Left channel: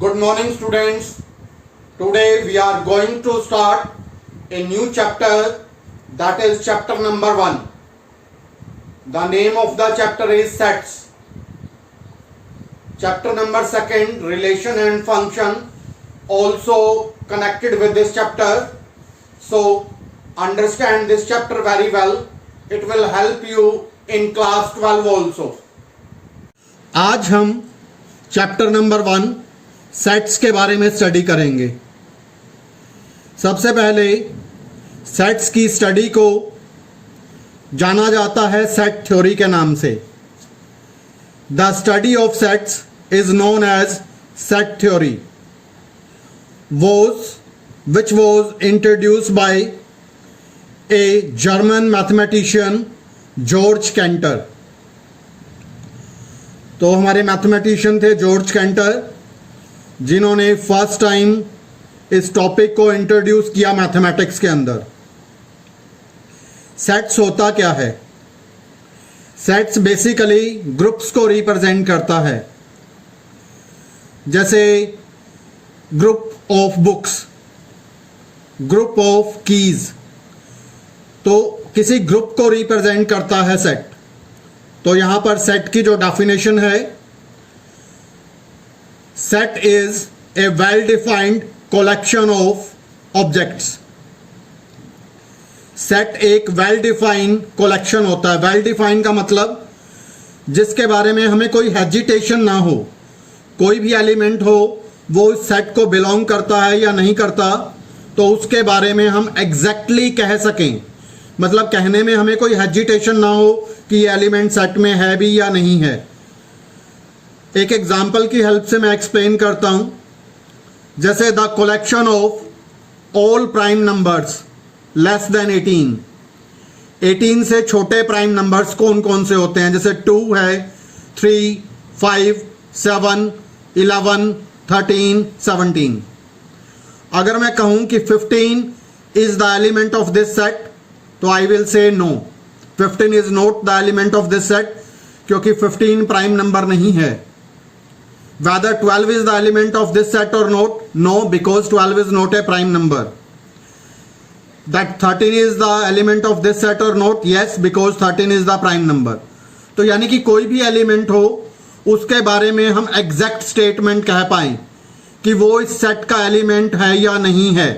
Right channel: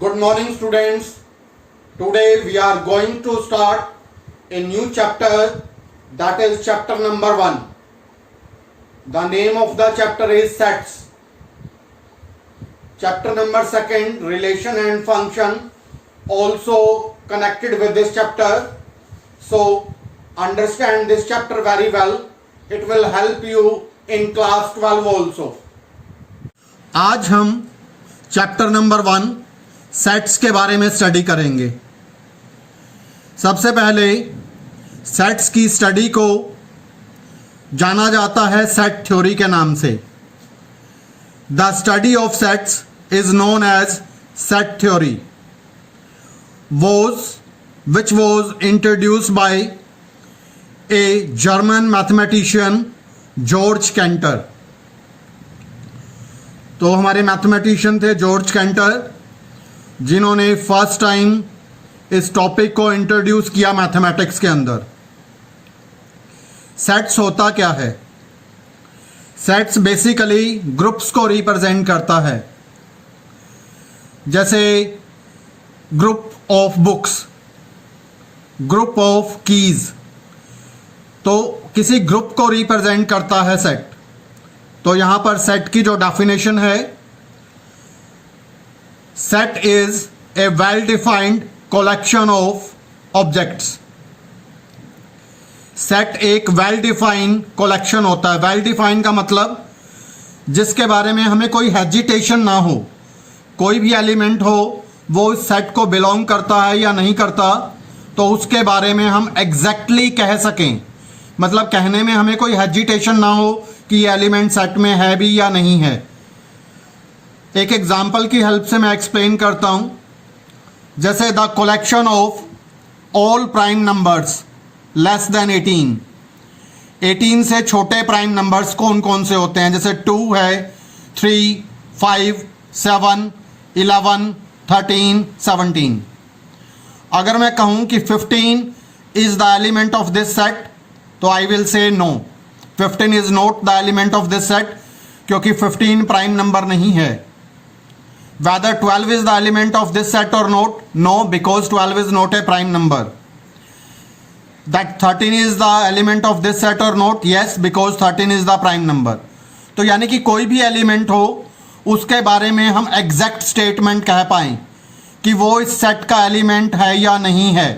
Good morning, students. Today we are going to start a new chapter, that is chapter number 1. The name of the chapter is sets. Chapter number 2, relation and function, also connected with this chapter. So understand this chapter very well. It will help you in class 12 also. आज हम chapter number 1 sets के बारे में study करेंगे। सबसे पहले sets की study को जाना जाता है सेट थ्योरी के नाम से। The study of sets is known as set theory which was introduced by a German mathematician George Cantor. तो हमारे मैथमेटिशियन थे जॉर्ज कैंटर, जिन्होंने फर्स्ट टाइम इस टॉपिक को इंट्रोड्यूस किया मैथमेटिक्स के अंदर। सेट्स होता क्या है? सेट्स बेसिकली ग्रुप्स को रिप्रेजेंट करता है, जैसे group of books, group of keys. तो किसी ग्रुप को रिप्रेजेंट करता है सेट। तो यहां पर सेट की जो डेफिनेशन है, set is a well defined collection of objects. Set एक वेल डिफाइंड कलेक्शन होता है। वेल डिफाइंड का मतलब जिसके बारे में हमें कोई हेजिटेशन ना हो, कोई भी एलिमेंट हो वो इस सेट को बिलोंग करता है या नहीं करता, तो उसके बारे में हम एग्जैक्टली कह सकें। मतलब कहने में हमें कोई हेजिटेशन ना हो कि ये एलिमेंट सेट में है भी या नहीं है। एक एग्जाम्पल की हेल्प से मैं एक्सप्लेन करता हूं। जैसे the collection of all prime numbers less than 18 से छोटे प्राइम नंबर्स कौन कौन से होते हैं? जैसे 2 है, 3, 5, 7, 11, 13, 17। अगर मैं कहूं कि 15 is the element of this set, तो I will say no, 15 is not the element of this set, क्योंकि 15 प्राइम नंबर नहीं है। Whether 12 is the element of this set or not? No, because 12 is not a prime number. That 13 is the element of this set or not? Yes, because 13 is the prime number. तो यानी कि कोई भी element हो उसके बारे में हम एग्जैक्ट स्टेटमेंट कह पाएं कि वो इस सेट का एलिमेंट है या नहीं है।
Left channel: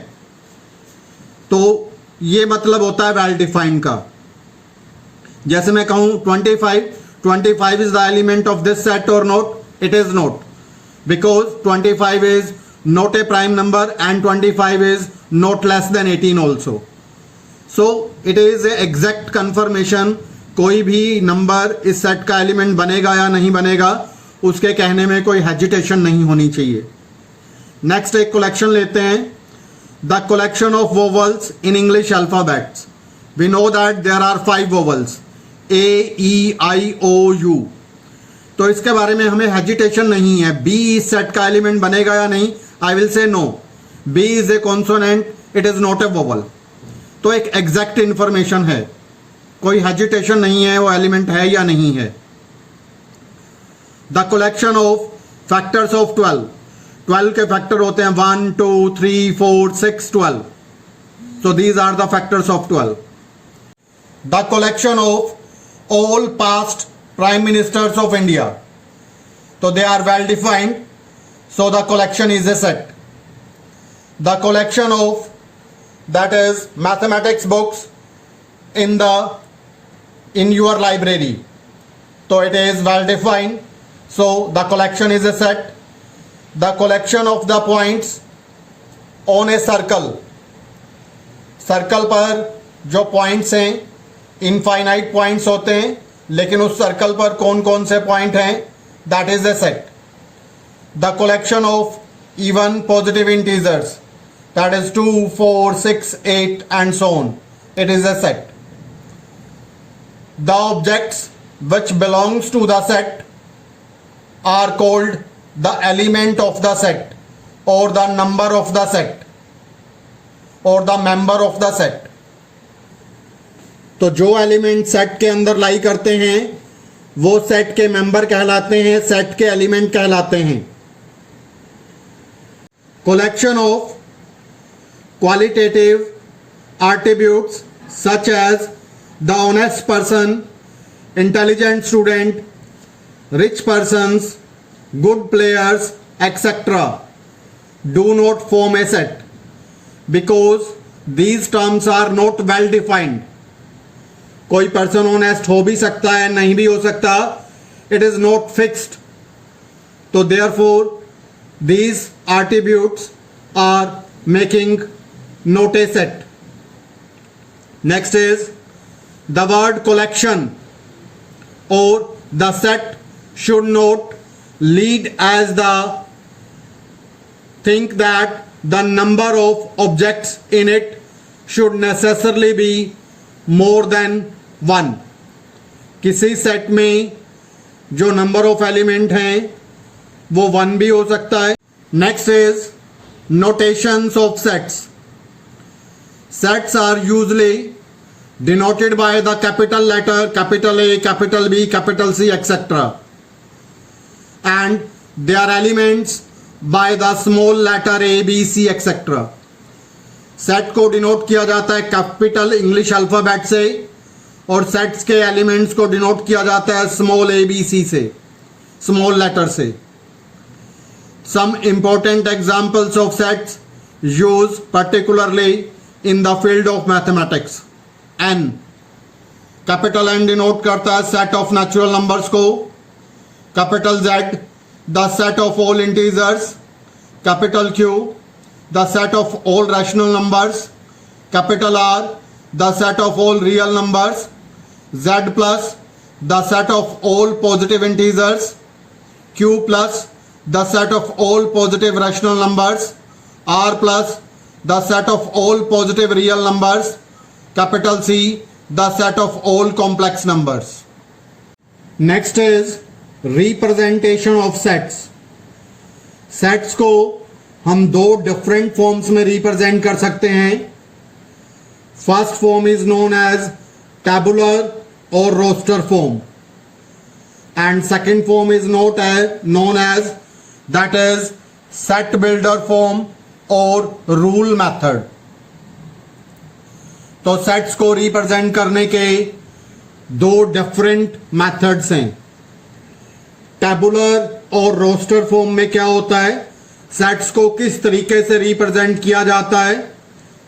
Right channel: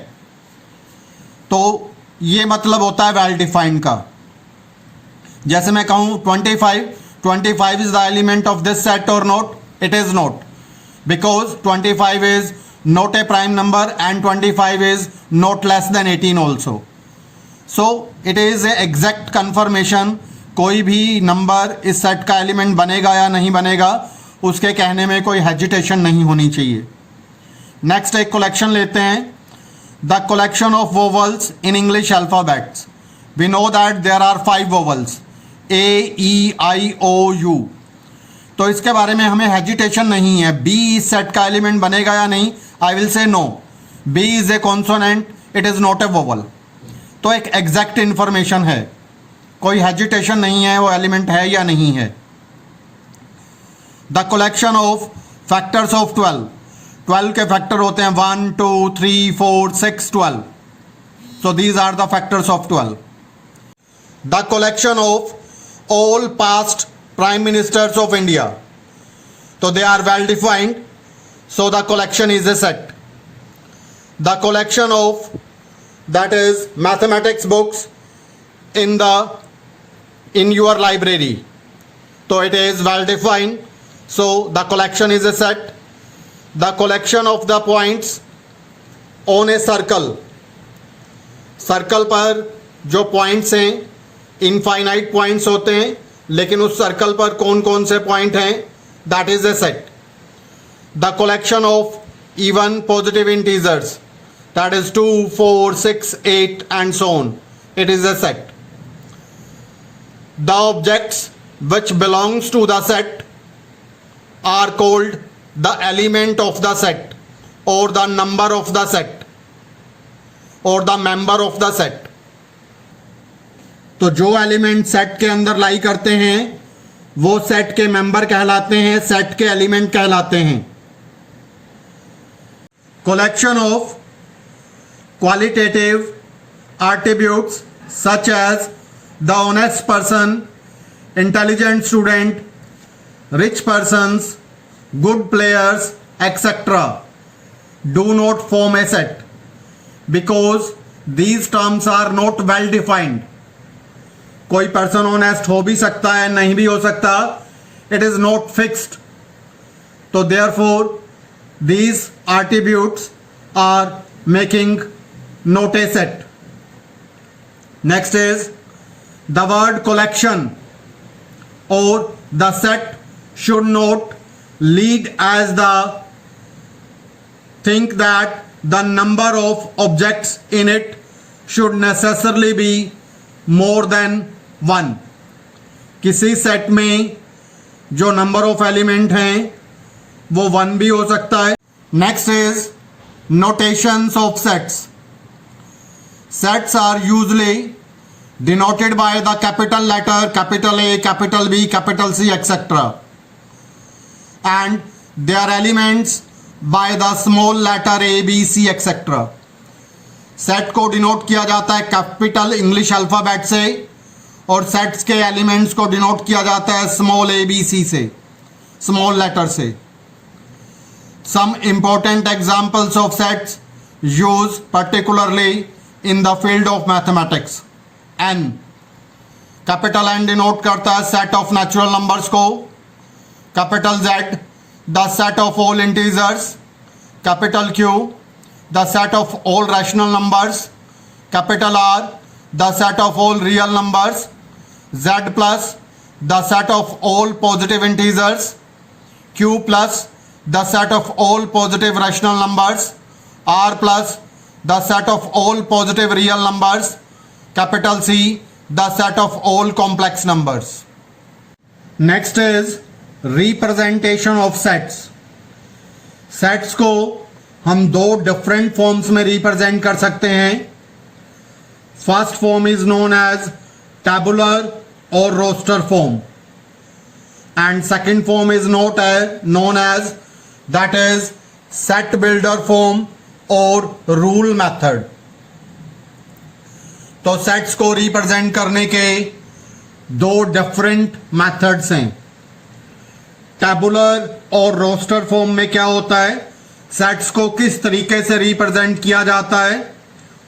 तो ये मतलब होता है वेल डिफाइंड का। जैसे मैं कहूं 25 is the element of this set or not? It is not, because 25 is not a prime number and 25 is not less than 18 also. So it is a exact confirmation, कोई भी number इस set का element बनेगा या नहीं बनेगा उसके कहने में कोई हेजिटेशन नहीं होनी चाहिए। नेक्स्ट एक कलेक्शन लेते हैं, the collection of vowels in English alphabets. We know that there are 5 vowels, AEIOU। तो इसके बारे में हमें हेजिटेशन नहीं है। बी इस सेट का एलिमेंट बनेगा या नहीं? I will say no, B is a consonant, it is not a vowel. तो एक एग्जैक्ट इंफॉर्मेशन है, कोई हेजिटेशन नहीं है वो एलिमेंट है या नहीं है। The collection of factors of 12 के फैक्टर होते हैं 1, 2, 3, 4, 6, 12। So these are the factors of 12। The collection of all past Prime Ministers of India. So they are well defined. So the collection is a set. The collection of, that is mathematics books in your library. So it is well defined. So the collection is a set. The collection of the points on a circle. Circle पर जो points हैं infinite points होते हैं, लेकिन उस circle पर कौन कौन से पॉइंट हैं, that is a set. The collection of even positive integers, that is 2, 4, 6, 8 and so on, it is a set. The objects which belongs to the set are called the element of the set or the number of the set or the member of the set. तो जो element set के अंदर लाई करते हैं वो set के member कहलाते हैं, सेट के एलिमेंट कहलाते हैं। collection of qualitative attributes such as the honest person, intelligent student, rich persons, good players, etc. do not form a set because these terms are not well defined. कोई person honest हो भी सकता है, नहीं भी हो सकता. It is not fixed. तो therefore these attributes are making not a set. Next is the word collection or the set should not lead as the think that the number of objects in it should necessarily be more than one. किसी set में जो number of element हैं वो 1 भी हो सकता है. Next is notations of sets. Sets are usually denoted by the capital letter capital A, capital B, capital C etcetera, and they are elements by the small letter A, B, C etcetera. Set को denote किया जाता है capital English alphabet से और sets के elements को denote किया जाता है स्मॉल ए, बी, सी से, स्मॉल लेटर से. Some important examples of sets used particularly in the field of mathematics. N. Capital N denote करता है सेट ऑफ नेचुरल नंबर्स को. Capital Z the set of all integers. Capital Q the set of all rational numbers. Capital R the set of all real numbers. Z plus the set of all positive integers. Q plus the set of all positive rational numbers. R plus the set of all positive real numbers. Capital C the set of all complex numbers. Next is representation of sets. Sets को हम 2 different forms में represent कर सकते हैं. First form is known as tabular or roster form, and second form is known as that is set builder form or rule method. तो sets को represent करने के 2 डिफरेंट मेथड्स हैं. टैबुलर और रोस्टर फॉर्म में क्या होता है, सेट्स को किस तरीके से रिप्रेजेंट किया जाता है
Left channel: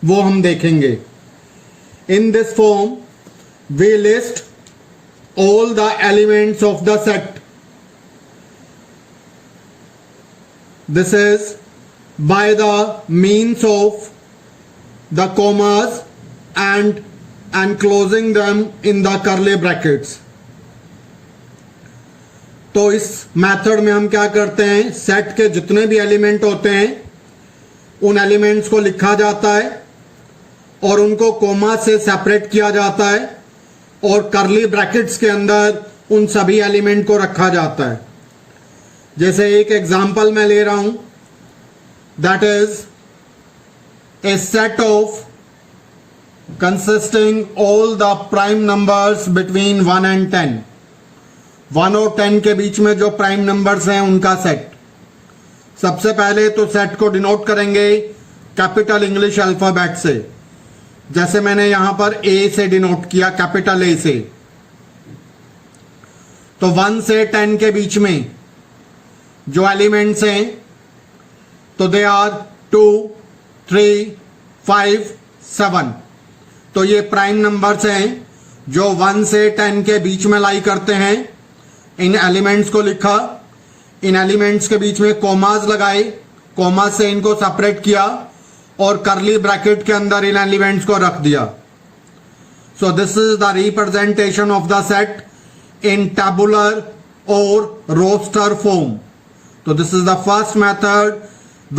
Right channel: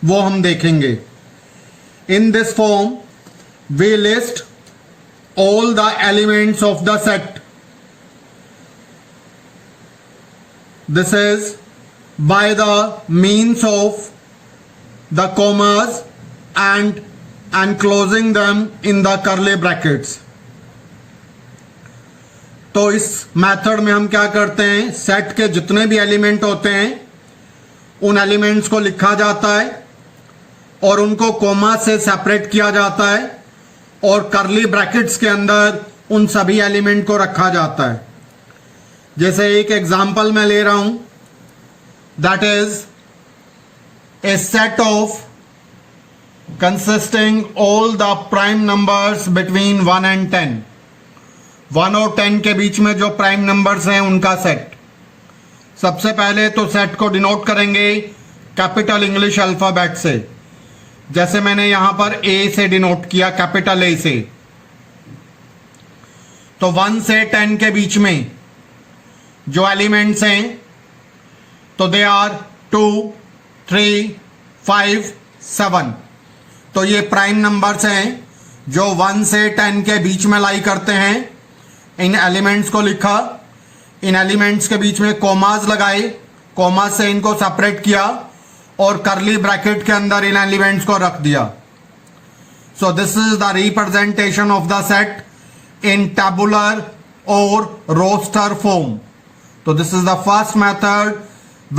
वो हम देखेंगे. In this form we list all the elements of the set. This is by the means of the commas and enclosing them in the curly brackets. तो इस मेथड में हम क्या करते हैं, सेट के जितने भी एलिमेंट होते हैं उन एलिमेंट्स को लिखा जाता है और उनको कोमा से सेपरेट किया जाता है और करली ब्रैकेट्स के अंदर उन सभी एलिमेंट को रखा जाता है. जैसे एक एग्जाम्पल मैं ले रहा हूं, that is a set of consisting all the prime numbers between 1 and 10. 1 और 10 के बीच में जो प्राइम नंबर्स हैं उनका सेट. सबसे पहले तो सेट को डिनोट करेंगे कैपिटल इंग्लिश अल्फाबेट से, जैसे मैंने यहां पर ए से डिनोट किया, कैपिटल ए से. तो 1 से 10 के बीच में जो एलिमेंट्स हैं तो दे आर 2, 3, 5, 7. तो ये प्राइम नंबर्स हैं जो 1 से 10 के बीच में लाई करते हैं. इन एलिमेंट्स को लिखा, इन एलिमेंट्स के बीच में कॉमास लगाए, कॉमास से इनको सेपरेट किया और करली ब्रैकेट के अंदर इन एलिमेंट्स को रख दिया. So this is the representation of the set in tabular और roster form. So this is the first method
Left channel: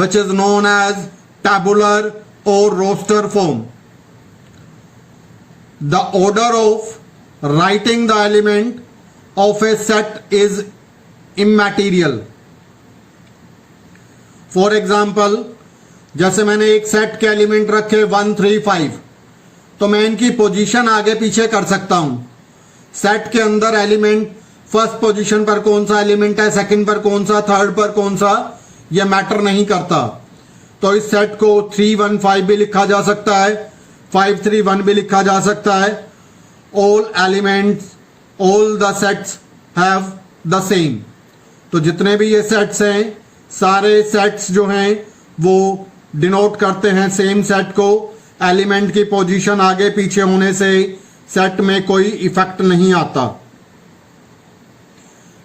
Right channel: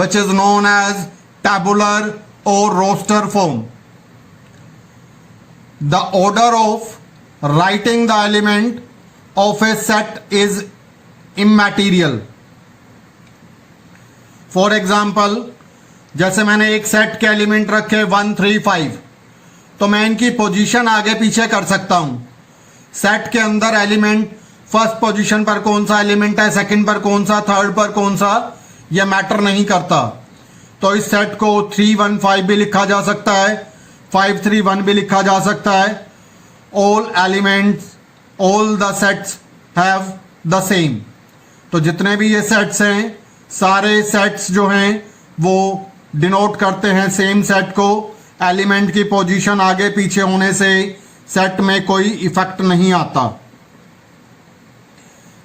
which is known as tabular or roster form. The order of writing the element of a set is immaterial. For example, जैसे मैंने एक set के element रखे 1, 3, 5, तो मैं इनकी position आगे पीछे कर सकता हूं. सेट के अंदर एलिमेंट फर्स्ट पोजीशन पर कौन सा एलिमेंट है, सेकंड पर कौन सा, थर्ड पर कौन सा, यह मैटर नहीं करता. तो इस सेट को 315 भी लिखा जा सकता है, 531 भी लिखा जा सकता है। All elements, all the sets have the same. तो जितने भी ये सेट्स हैं, सारे सेट्स जो हैं वो डिनोट करते हैं सेम सेट को। एलिमेंट की पोजीशन आगे पीछे होने से सेट में कोई इफेक्ट नहीं आता।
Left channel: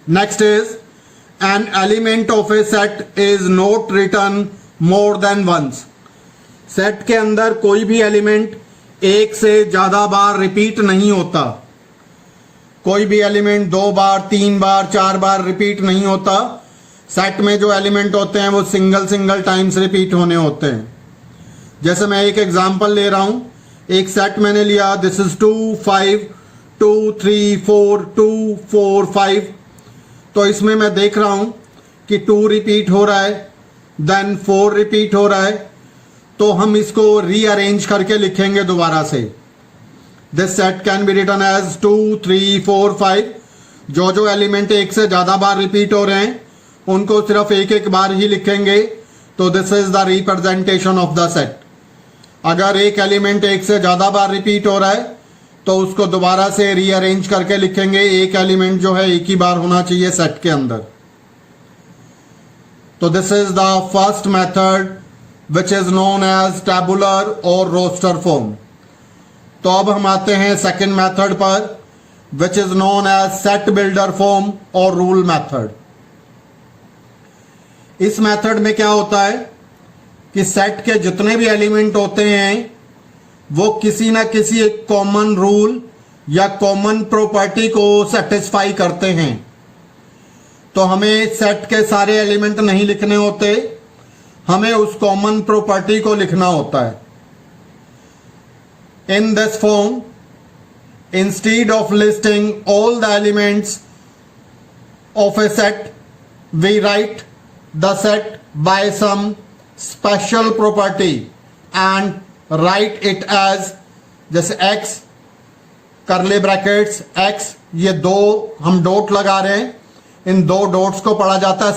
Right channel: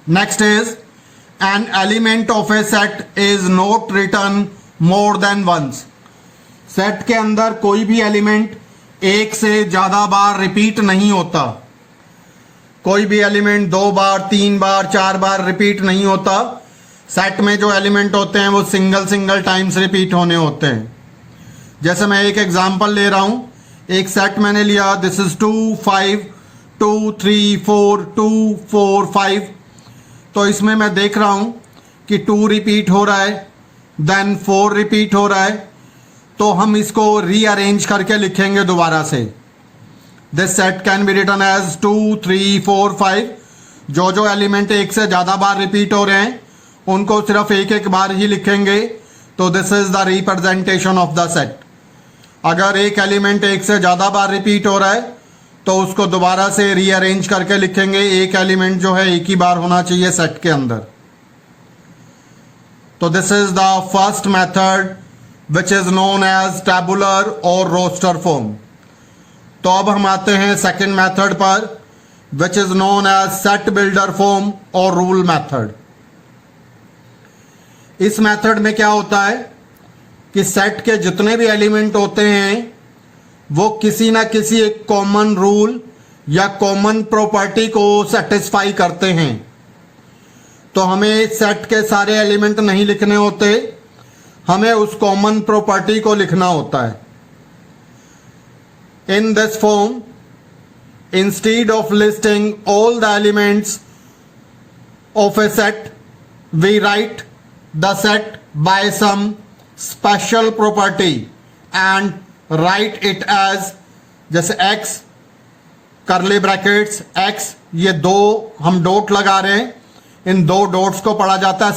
Next is an element of a set is not written more than once. Set के अंदर कोई भी एलिमेंट एक से ज्यादा बार रिपीट नहीं होता। कोई भी एलिमेंट 2 बार, 3 बार, 4 बार रिपीट नहीं होता। सेट में जो एलिमेंट होते हैं वो सिंगल टाइम्स रिपीट होने होते हैं। जैसे मैं एक एग्जांपल ले रहा हूं, एक सेट मैंने लिया, दिस इज 2 5 2 3 4 2 4 5। तो इसमें मैं देख रहा हूं कि 2 रिपीट हो रहा है, देन 4 रिपीट हो रहा है। तो हम इसको रीअरेंज करके लिखेंगे दोबारा से। This set can be written as 2 3 4 5। जो एलिमेंट एक से ज्यादा बार रिपीट हो रहे हैं उनको सिर्फ एक बार ही लिखेंगे। तो this is the representation of the set. अगर एक एलिमेंट एक से ज्यादा बार रिपीट हो रहा है तो उसको दोबारा से रीअरेंज करके लिखेंगे। एक एलिमेंट जो है एक ही बार होना चाहिए सेट के अंदर। तो this is the first method which is known as tabular और रोस्टर फॉर्म। तो अब हम आते हैं सेकेंड मेथड पर, which is known as set builder form और रूल मेथड। इस मेथड में क्या होता है कि सेट के जितने भी एलिमेंट होते हैं वो किसी ना किसी एक कॉमन रूल या कॉमन प्रॉपर्टी को सेटिस्फाई करते हैं। तो हमें सेट के सारे एलिमेंट नहीं लिखने होते, हमें उस कॉमन प्रॉपर्टी को लिखना होता है। In this form, instead of listing all the elements of a set, we write the set by some special property and write it as, जैसे x करली ब्रैकेट्स x, ये 2 हम डॉट लगा रहे हैं, इन 2 डॉट्स को पढ़ा जाता है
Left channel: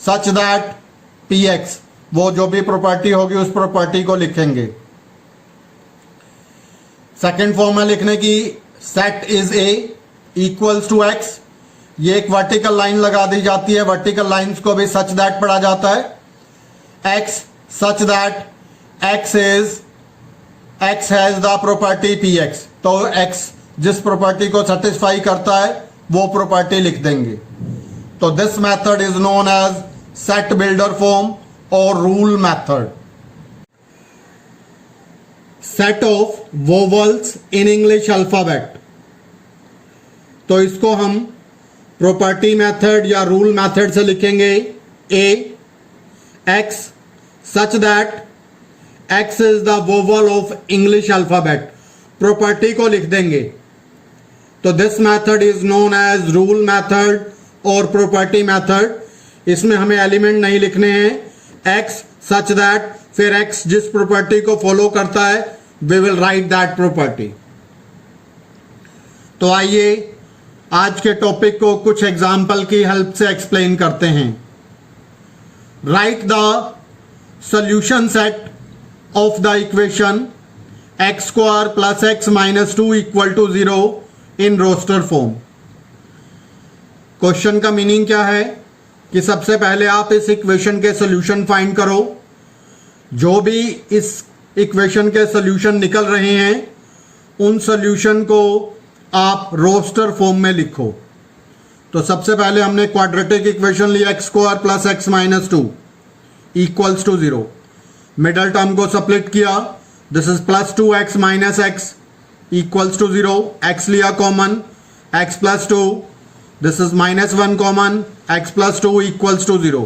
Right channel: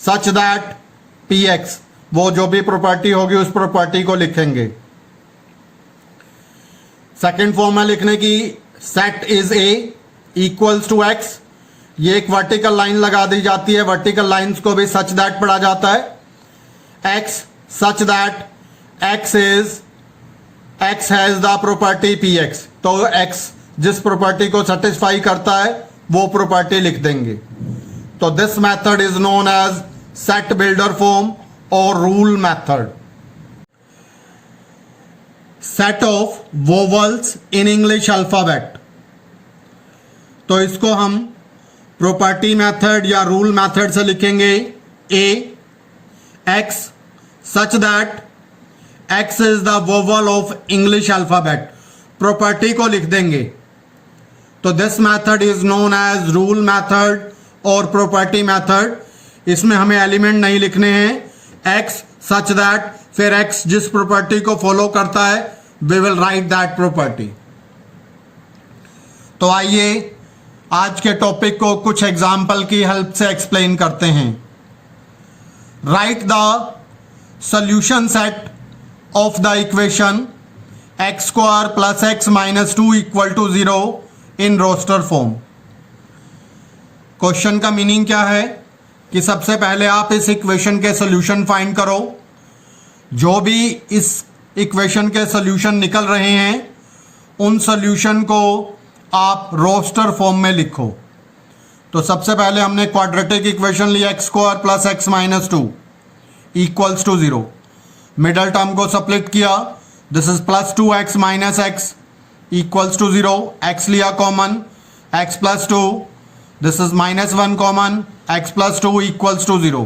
सच दैट px। वो जो भी प्रॉपर्टी होगी उस प्रॉपर्टी को लिखेंगे। सेकेंड फॉर्म है लिखने की, set is a equals to x। ये एक वर्टिकल लाइन लगा दी जाती है, वर्टिकल लाइंस को भी सच दैट पढ़ा जाता है। x such that x has the property px। तो x जिस प्रॉपर्टी को सेटिस्फाई करता है वो प्रॉपर्टी लिख देंगे। तो this method is known as set builder form और rule method. Set of vowels in English alphabet. तो इसको हम प्रॉपर्टी मेथड या रूल मेथड से लिखेंगे। a x such that x is the vowel of English alphabet, property को लिख देंगे। तो this method is known as rule method और प्रॉपर्टी मेथड। इसमें हमें एलिमेंट नहीं लिखने हैं, x सच दैट, फिर x जिस प्रॉपर्टी को फॉलो करता है we will write that property. तो आइए आज के टॉपिक को कुछ एग्जाम्पल की हेल्प से एक्सप्लेन करते हैं। Write the solution set of the equation x² + x - 2 = 0 in roster form. Question का मीनिंग क्या है कि सबसे पहले आप इस इक्वेशन के सॉल्यूशन फाइंड करो। जो भी इस इक्वेशन के सॉल्यूशन निकल रहे हैं उन सॉल्यूशन को आप रोस्टर फॉर्म में लिखो। तो सबसे पहले हमने क्वाड्रेटिक इक्वेशन लिया, x² + x - 2 = 0। मिडल टर्म को स्प्लिट किया, this is +2x - x = 0। x लिया common, x + 2, this is -1 common, x + 2 = 0।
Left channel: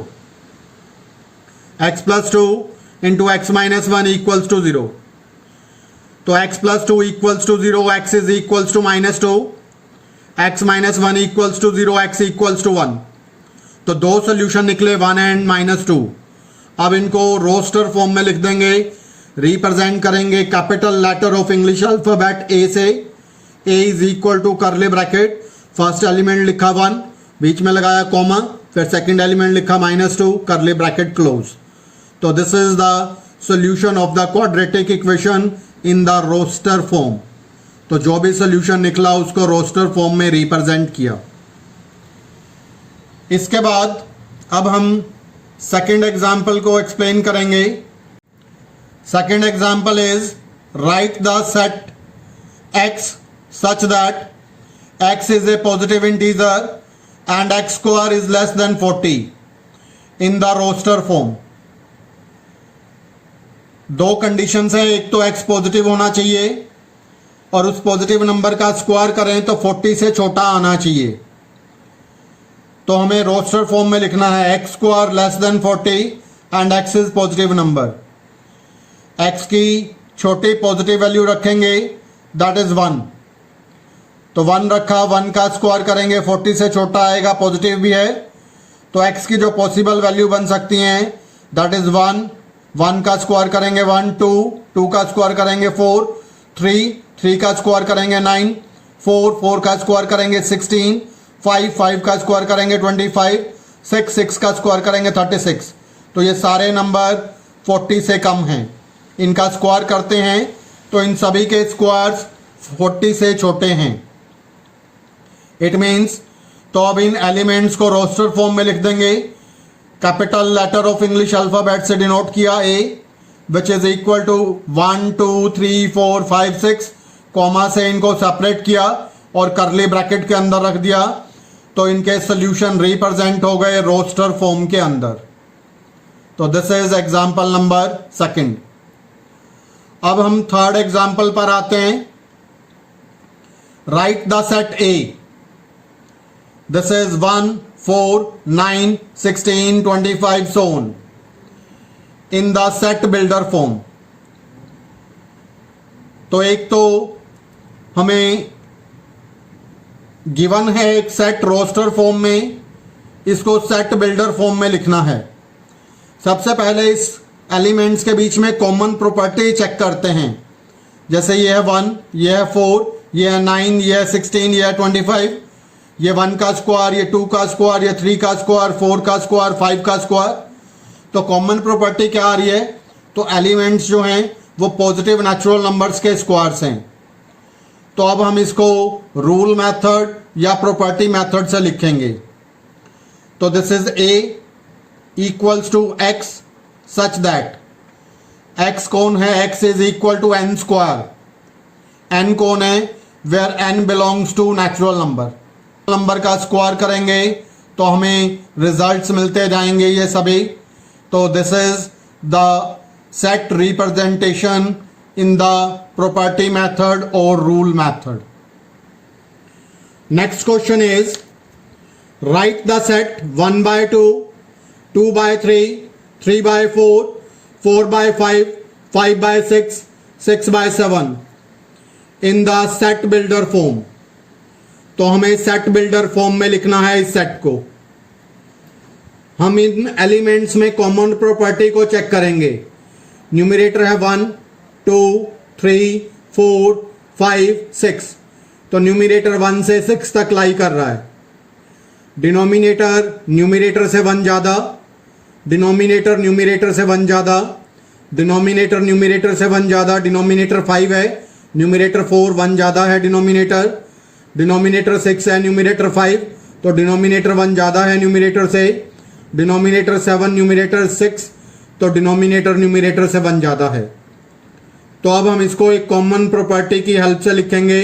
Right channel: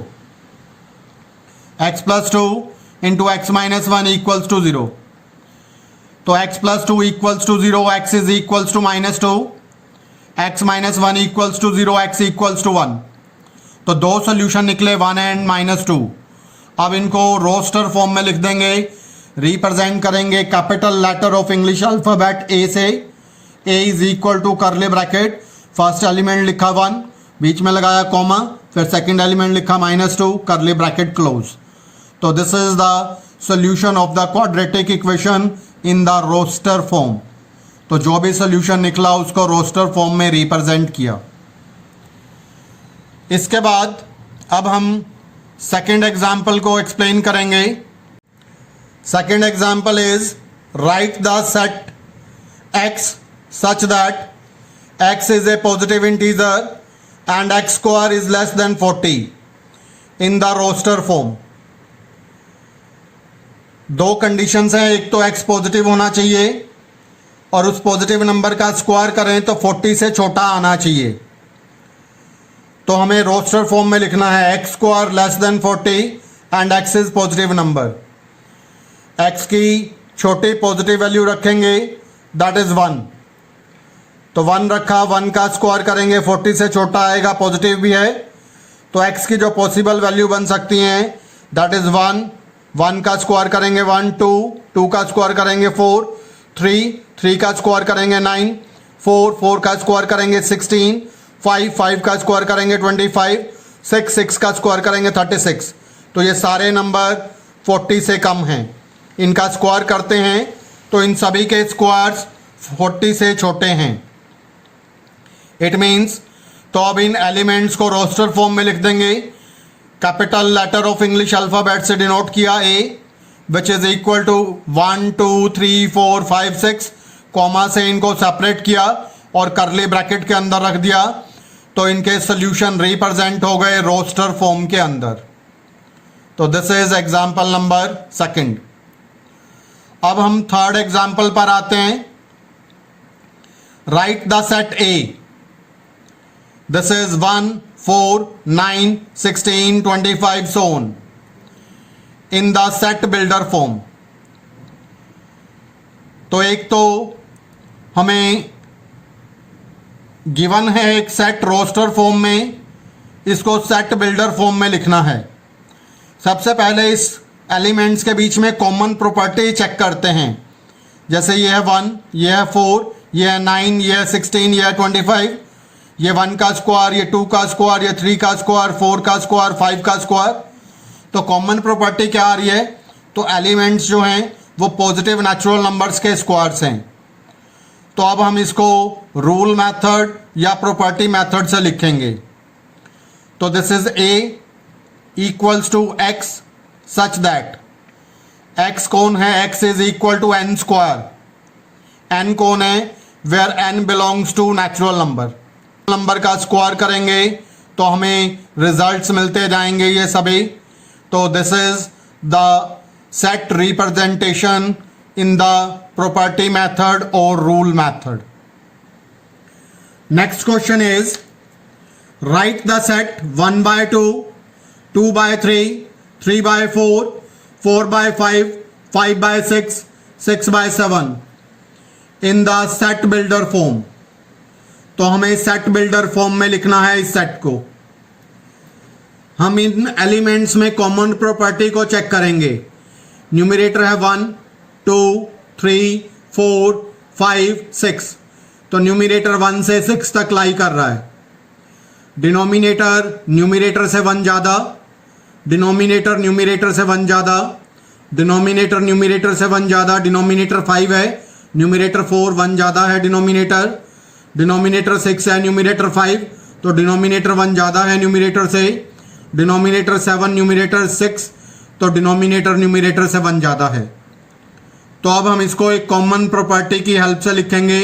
x + 2 × x - 1 = 0। तो x + 2 = 0, x is equals to -2, x - 1 = 0, x = 1। तो 2 सोल्यूशन निकले, 1 एंड -2। अब इनको रोस्टर फॉर्म में लिख देंगे, रिप्रेजेंट करेंगे capital letter of English alphabet a से। a is equal to curly bracket, first element लिखा 1, बीच में लगाया कॉमा, फिर सेकंड एलिमेंट लिखा -2, करली ब्रैकेट क्लोज। तो this is the solution of the quadratic equation in the roster form. तो जो भी सॉल्यूशन निकला उसको रोस्टर फॉर्म में रिप्रेजेंट किया। इसके बाद अब हम सेकेंड एग्जाम्पल को एक्सप्लेन करेंगे। Second example is right the set x such that x is a positive integer and x square is less than 40 in the roster form। दो कंडीशंस है, एक तो x पॉजिटिव होना चाहिए और उस पॉजिटिव नंबर का स्क्वायर करें तो 40 से छोटा आना चाहिए। तो हमें रोस्टर फॉर्म में लिखना है x square less than 40 and x is positive number. x की छोटी पॉजिटिव वैल्यू रखेंगे, दैट इज 1। तो 1 रखा, 1 का स्क्वायर करेंगे 40 से छोटा आएगा, पॉजिटिव भी है। तो x की जो पॉसिबल वैल्यू बन सकती हैं दैट इज 1, 1 का स्क्वायर करेंगे 1, 2 का स्क्वायर करेंगे 4, 3 का स्क्वायर करेंगे 9, 4 का स्क्वायर करेंगे 16, 5 का स्क्वायर करेंगे 25, 6 का स्क्वायर करेंगे 36। तो ये सारे नंबर 40 से कम हैं। इनका स्क्वायर करते हैं तो इन सभी के स्क्वायर्स 40 से छोटे हैं। इट मीन्स तो अब इन एलिमेंट्स को रोस्टर फॉर्म में लिख देंगे। Capital letter of English alphabet से डिनोट किया a which is equal to 1 2 3 4 5 6, comma से इनको सेपरेट किया और करली ब्रैकेट के अंदर रख दिया। तो इनके सोल्यूशन रिप्रेजेंट हो गए रोस्टर फॉर्म के अंदर। तो this is example number second. अब हम थर्ड एग्जाम्पल पर आते हैं। Write the set A, this is 1 4 9 16 25 so on in the set builder form. तो एक तो हमें गिवन है एक सेट रोस्टर फॉर्म में, इसको सेट बिल्डर फॉर्म में लिखना है। सबसे पहले इस एलिमेंट्स के बीच में कॉमन प्रॉपर्टी चेक करते हैं। जैसे ये है 1, ये है 4, ये है 9, ये है 16, ये है 25। ये 1 का स्क्वायर, ये 2 का स्क्वायर, ये 3 का स्क्वायर, 4 का स्क्वायर, 5 का स्क्वायर। तो कॉमन प्रॉपर्टी क्या आ रही है? तो एलिमेंट्स जो हैं वो पॉजिटिव नेचुरल नंबर्स के स्क्वायर्स हैं। तो अब हम इसको रूल मेथड या प्रॉपर्टी मेथड से लिखेंगे। तो this is a equals to x such that x कौन है? x is equal to n square. n कौन है? Where n belongs to natural number का स्क्वायर करेंगे तो हमें रिजल्ट्स मिलते जाएंगे ये सभी। तो this is the set representation in the property method or rule method. Next question is write the set 1 by 2, 2 by 3, 3 by 4, 4 by 5, 5 by 6, 6 by 7 in the set builder form. तो हमें सेट बिल्डर फॉर्म में लिखना है इस set को। हम इन elements में common property को चेक करेंगे। न्यूमरेटर है 1 2 3 4 5 6। तो न्यूमरेटर 1 से 6 तक लाई कर रहा है। डिनोमिनेटर न्यूमरेटर से 1 ज़्यादा, डिनोमिनेटर न्यूमरेटर से 1 ज़्यादा, डिनोमिनेटर न्यूमरेटर से 1 ज़्यादा। डिनोमिनेटर 5 है, न्यूमरेटर 4, 1 ज़्यादा है डिनोमिनेटर। डिनोमिनेटर 6 है, न्यूमरेटर 5, तो डिनोमिनेटर 1 ज़्यादा है न्यूमरेटर से। डिनोमिनेटर 7, न्यूमरेटर 6, तो डिनोमिनेटर न्यूमरेटर से 1 ज़्यादा है। तो अब हम इसको एक कॉमन प्रॉपर्टी की हेल्प से लिखेंगे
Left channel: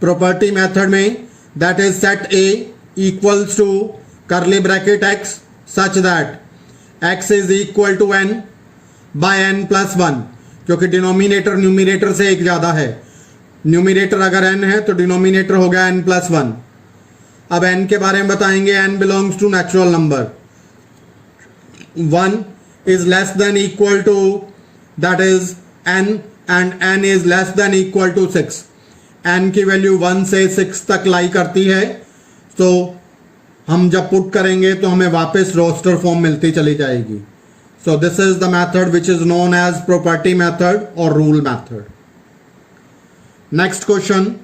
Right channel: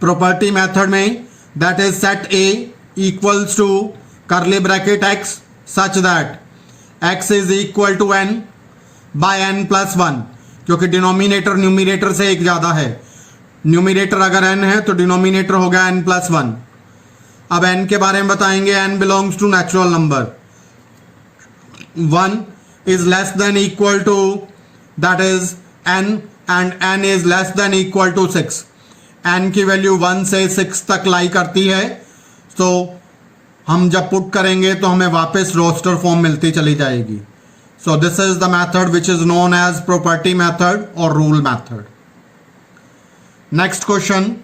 प्रॉपर्टी मेथड में, that is set A equals to curly bracket x such that x is equal to n by n plus 1, क्योंकि डिनोमिनेटर न्यूमरेटर से 1 ज़्यादा है। न्यूमरेटर अगर n है तो डिनोमिनेटर होगा n प्लस 1। अब n के बारे में बताएंगे। n belongs to natural number. 1 is less than equal to that is n and n is less than equal to 6। n की वैल्यू 1 से 6 तक लाई करती है। तो हम जब पुट करेंगे तो हमें वापस रोस्टर फॉर्म मिलती चली जाएगी। So this is the method which is known as property method or rule method. Next question,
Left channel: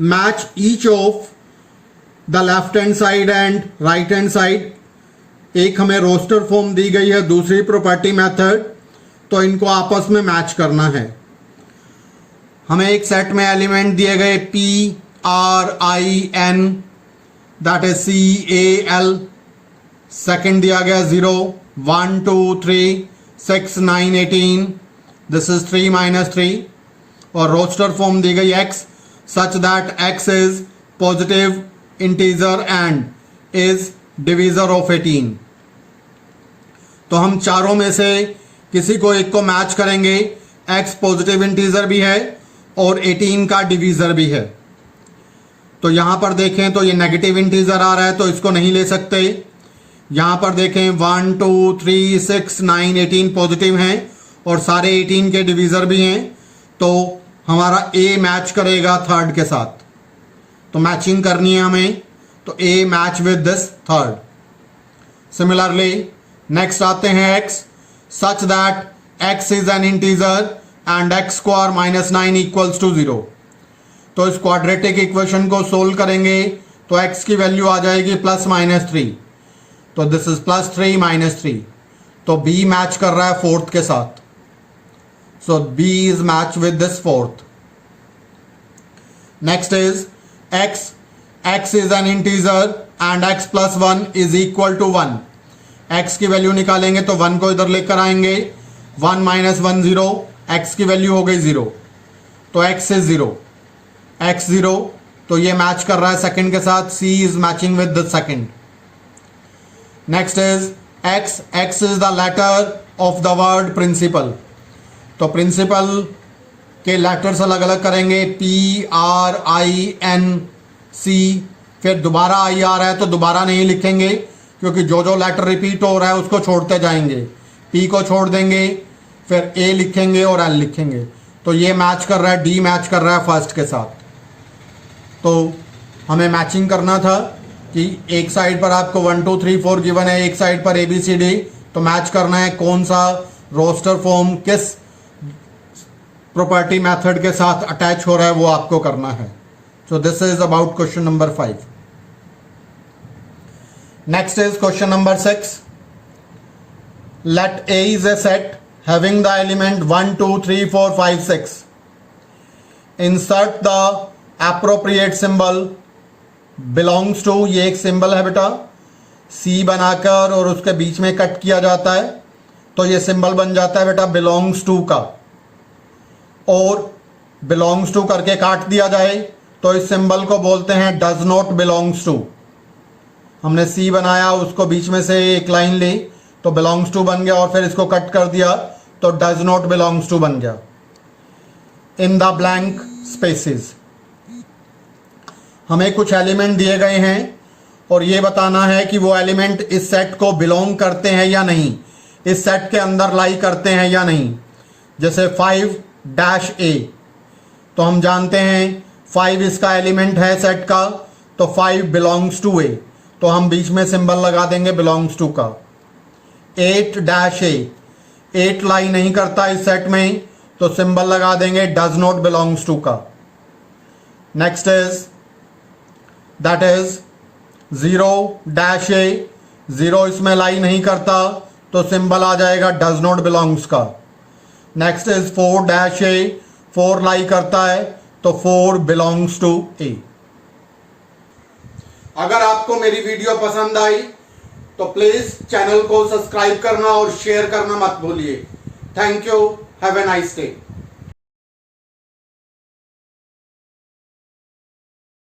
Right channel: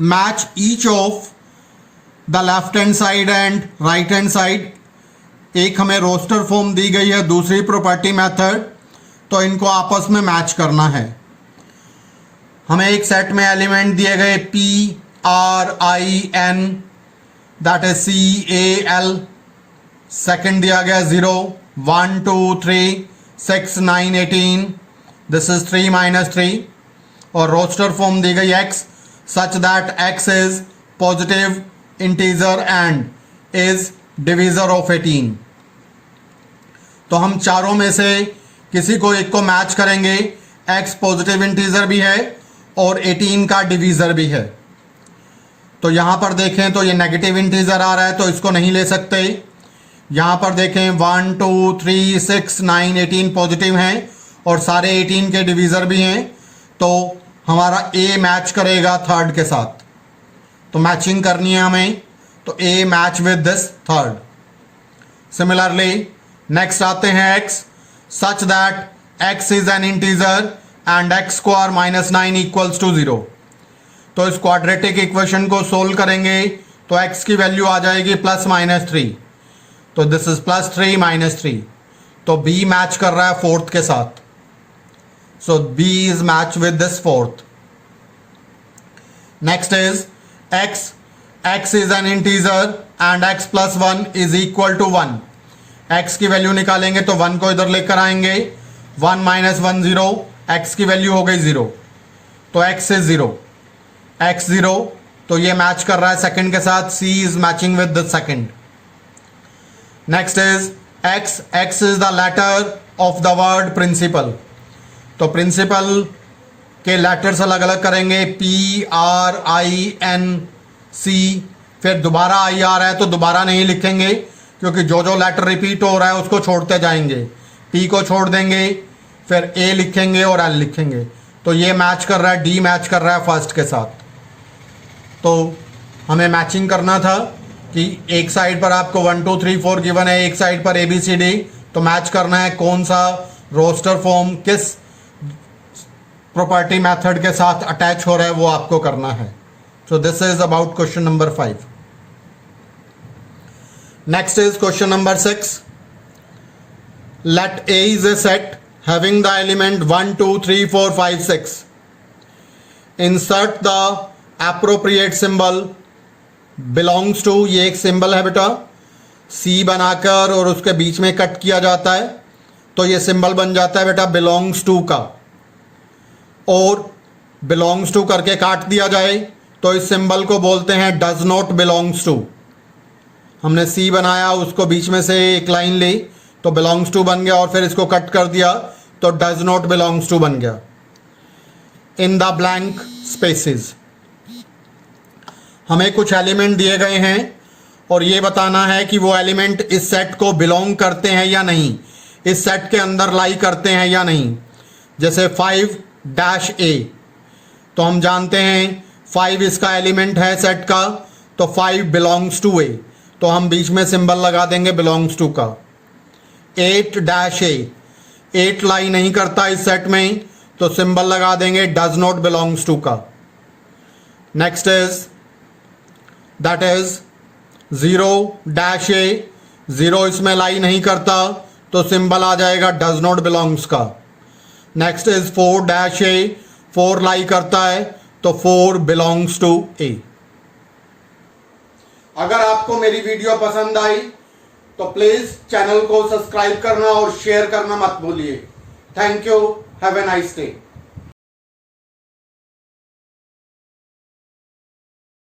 match each of the left hand side and right hand side. एक हमें रोस्टर फॉर्म दी गई है, दूसरी property method, तो इनको आपस में match करना है। हमें एक सेट में एलिमेंट दिए गए P R I N, that is CAL। Second दिया गया 0 1 2 3 6 9 18, दिस इज 3 - 3। और रोस्टर फॉर्म दी गई X such that X is positive integer and is divisor of 18। तो हम चारों में से किसी को एक को मैच करेंगे। X पॉजिटिव इंटीजर भी है और 18 का डिवीजर भी है। तो यहां पर देखें तो ये नेगेटिव इंटीजर आ रहा है, तो इसको नहीं ले सकते। यहां पर देखें 1 2 3 6 9 18 पॉजिटिव हैं और सारे 18 के डिवीजर भी हैं, तो हमारा A मैच करेगा थर्ड के साथ। तो मैचिंग करनी है हमें, तो A match with this third. Similarly next आते हैं X such that X is an integer and x square -9 equals to 0। तो इस क्वाड्रेटिक इक्वेशन को सोल्व करेंगे तो x की वैल्यू आ जाएगी +-3, तो दिस इज +3 - 3। तो B मैच कर रहा है फोर्थ के साथ, so B is match with this fourth. Next is x is an integer and x + 1 is equal to 1। x की वैल्यू निकालेंगे तो 1 को इधर लेकर आएंगे, 1 - 1 0, x की वैल्यू हो गई 0, तो x इज 0, x 0, तो ये मैच कर रहा है सेकंड के साथ, C is matching with the second. Next is x is the letter of the word principal. तो प्रिंसिपल के लेटर्स अलग अलग करेंगे, P R I N C। फिर दोबारा I आ रहा है तो दोबारा नहीं लिखेंगे, क्योंकि जो जो लेटर रिपीट हो रहा है उसको छोड़ते जाएंगे। P को छोड़ देंगे, फिर A लिखेंगे और L लिखेंगे। तो ये मैच कर रहा है, D मैच कर रहा है फर्स्ट के साथ। तो हमें मैचिंग करना था कि एक साइड पर आपको 1 2 3 4 गिवन है, एक साइड पर ABCD, तो मैच करना है कौन सा रोस्टर फॉर्म किस प्रॉपर्टी मेथड के साथ अटैच हो रहा है, वो आपको करना है। सो this is about question number 5। Next is question number 6। Let A is a set having the element 1 2 3 4 5 6. Insert the appropriate symbol belongs to, ये एक सिंबल है बेटा, C बनाकर और उसके बीच में कट किया जाता है, तो ये सिंबल बन जाता है बेटा belongs to का। और belongs to करके काट दिया जाए तो इस सिंबल को बोलते हैं does not belongs to। हमने C बनाया, उसको बीच में से एक लाइन ली तो belongs to बन गया, और फिर इसको कट कर दिया तो does not belongs to बन गया। in the blank spaces हमें कुछ एलिमेंट दिए गए हैं और ये बताना है कि वो एलिमेंट इस सेट को बिलोंग करते हैं या नहीं, इस सेट के अंदर लाई करते हैं या नहीं। जैसे 5-A, तो हम जानते हैं 5 इसका एलिमेंट है सेट का, तो 5 बिलोंग्स टू A, तो हम बीच में सिंबल लगा देंगे बिलोंग्स टू का। 8-A, 8 लाई नहीं करता इस सेट में, तो सिंबल लगा देंगे डज नॉट बिलोंग्स टू का। Next is that is 0-A, 0 इसमें लाई नहीं करता, तो सिंबल आ जाएगा डज नॉट बिलोंग्स का। नेक्स्ट इज 4-A, 4 लाई करता है, तो 4 बिलोंग्स टू A। अगर आपको मेरी वीडियो पसंद आई तो प्लीज चैनल को सब्सक्राइब करना और शेयर करना मत भूलिए। Thank you, have a nice day.